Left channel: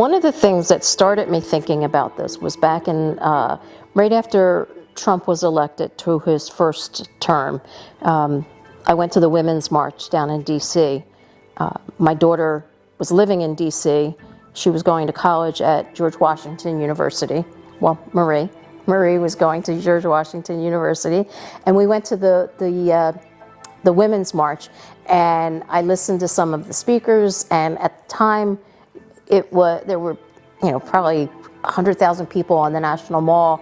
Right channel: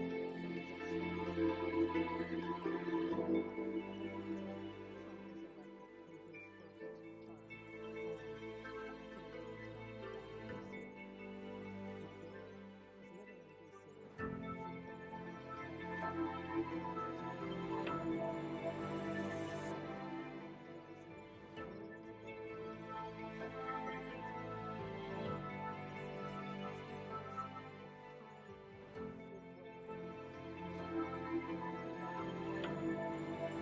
One of the things that started me thinking about this was back in, right after Trump was elected to his first term. I went to the Women's March down in D.C. My daughter was living in D.C. She was going to college at George Washington University. Well, Marie was going to George Washington University, and we went to the Women's March, and I listened to some of the speakers, and at the time, there were, probably 100,000 people on the National Mall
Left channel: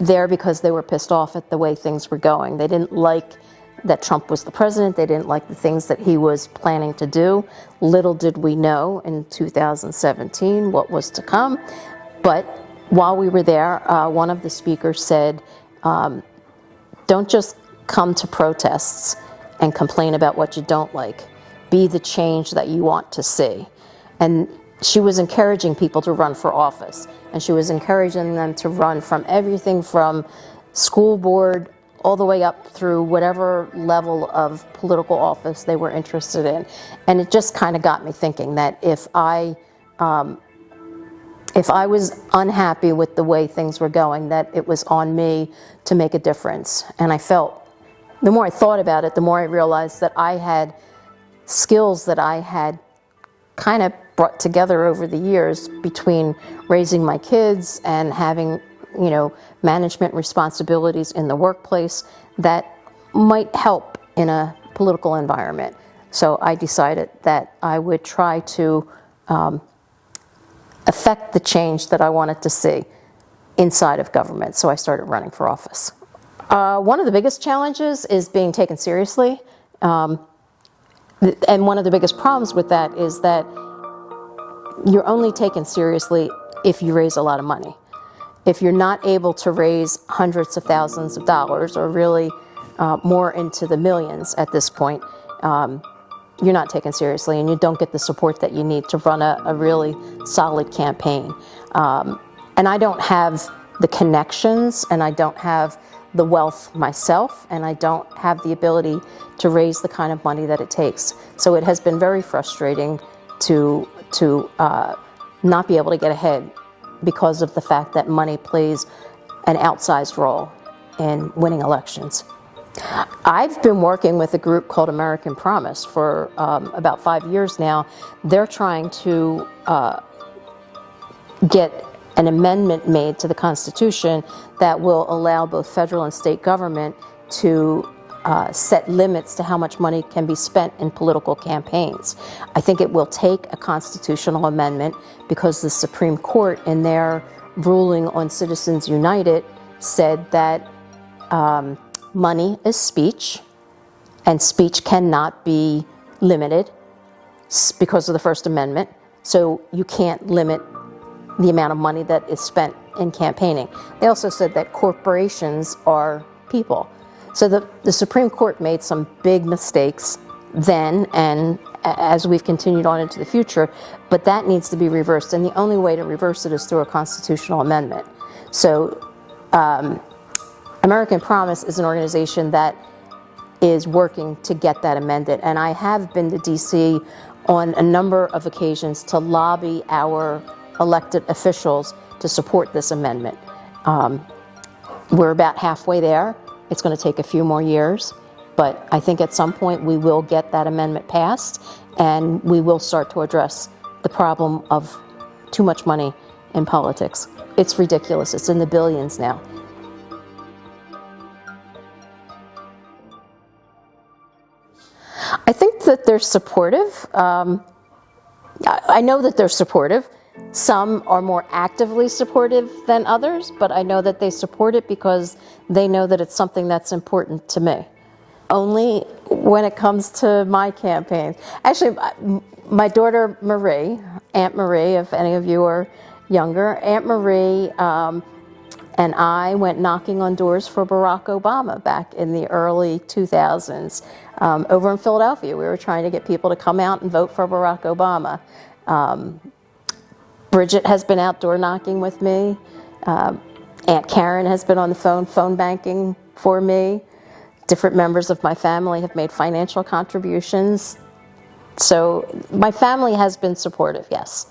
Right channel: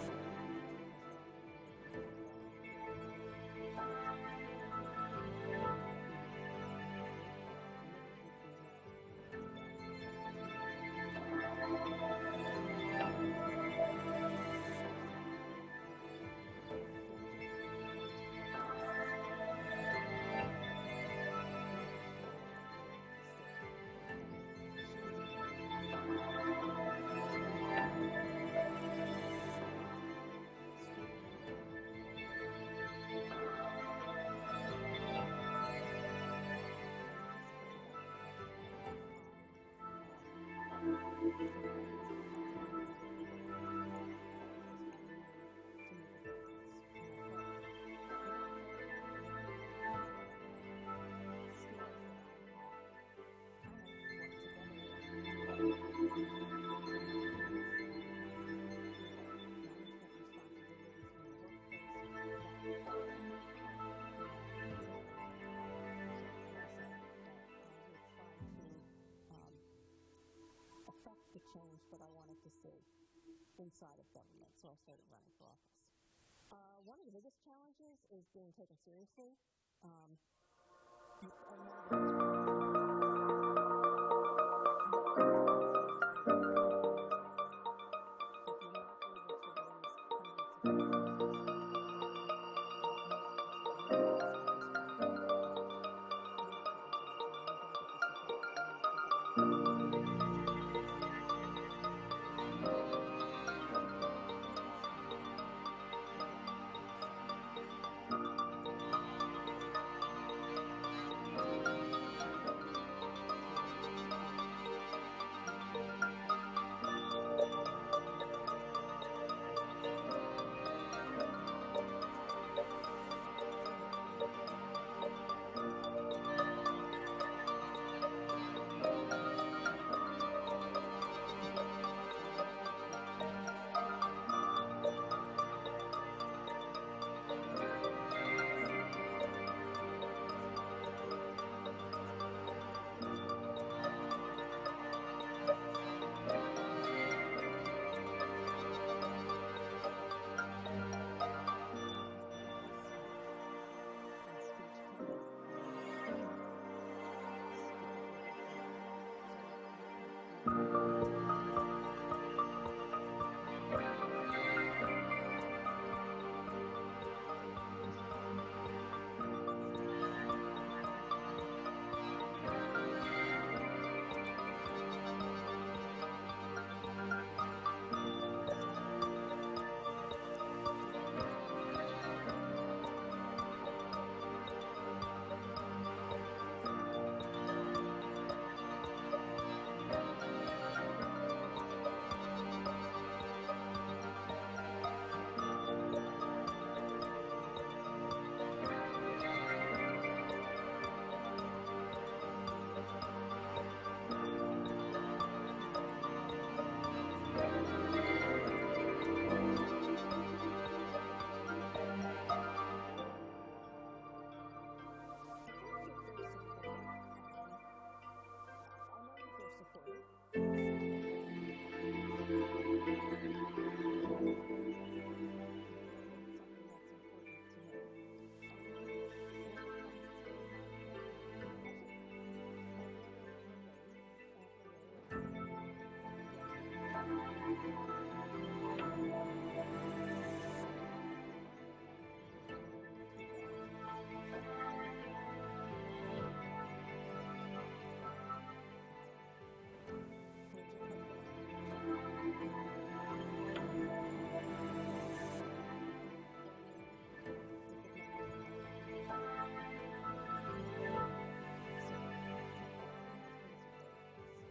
there because they were pissed off at the way things were going. They didn't like that Trump was the president. They didn't like the things that he was planning to do. Little did we know in 2017 what was to come. But while we were there, one of the speakers said, don't just come to protests and complain about what you don't like. Be the change that you want to see. And she was encouraging people to run for office. And she was encouraging them to run from everything from school board all the way up through whatever level of political office they were interested in. And it just kind of got me thinking that if I was unhappy with the way things were going, that it was on me to make a difference. And I felt, the more I thought about it, the more I realized that I had skills that I had kind of brought together over the years between raising my kids and having, management responsibilities in the workplace that might help in a political environment. So I decided that I would try to affect the change that I wanted to see inside of government. So I started running for office. One of the biggest challenges is being taken seriously. And one of the biggest problems with that is that you're only taken seriously if you raise a lot of money. If you're not able to raise hundreds of thousands of dollars, or really more into the millions at this point, you're not taken seriously, and you don't get the support that you need to run a really solid campaign. And I don't have the connections, and I don't have the wealth myself, and I don't have the ability to raise the kind of money that it takes. So it has been very frustrating to not be able to get ahead because of the fact that money plays an outsized role in winning elections. I've been working with a group called American Promise for about 5 years now. They're trying to get an amendment made to the Constitution that will allow both federal and state government to set limits to how much money can be spent in political campaigns. I think it will take a constitutional amendment because the Supreme Court, in their ruling on Citizens United, said that money is speech, and speech cannot be limited because of the First Amendment. So you can't limit the amount of money that is spent in campaigning. They also said that corporations are people. So the Supreme Court made some big mistakes then, and as we've continued on into the future, but that needs to be reversed, and the only way to reverse it is through a constitutional amendment. So American Promise is an organization that is working to get that amended, and I have been to DC on a number of occasions to lobby our elected officials to support this amendment. We're about halfway there. It's going to take a few more years, but I think at some point we will get that amendment passed, and we will start to address the problem of too much money in politics. It's ridiculous. It's in the billions now. I think that they're supportive. I know that they're supportive. Some are more actively supportive than others, but I know that they support it because they know that it's something that's important to me. Only when it comes to my campaign. Actually, my daughter Marie, Aunt Marie, if any of you are younger, Aunt Marie and I went knocking on doors for Barack Obama back in the early 2000s over in Philadelphia. We were trying to get people to come out and vote for Barack Obama. Bridget has been outdoor knocking with me. Aunt Karen has been on the phone banking for me. Different members of my family have made financial contributions. So my family has been supportive, yes.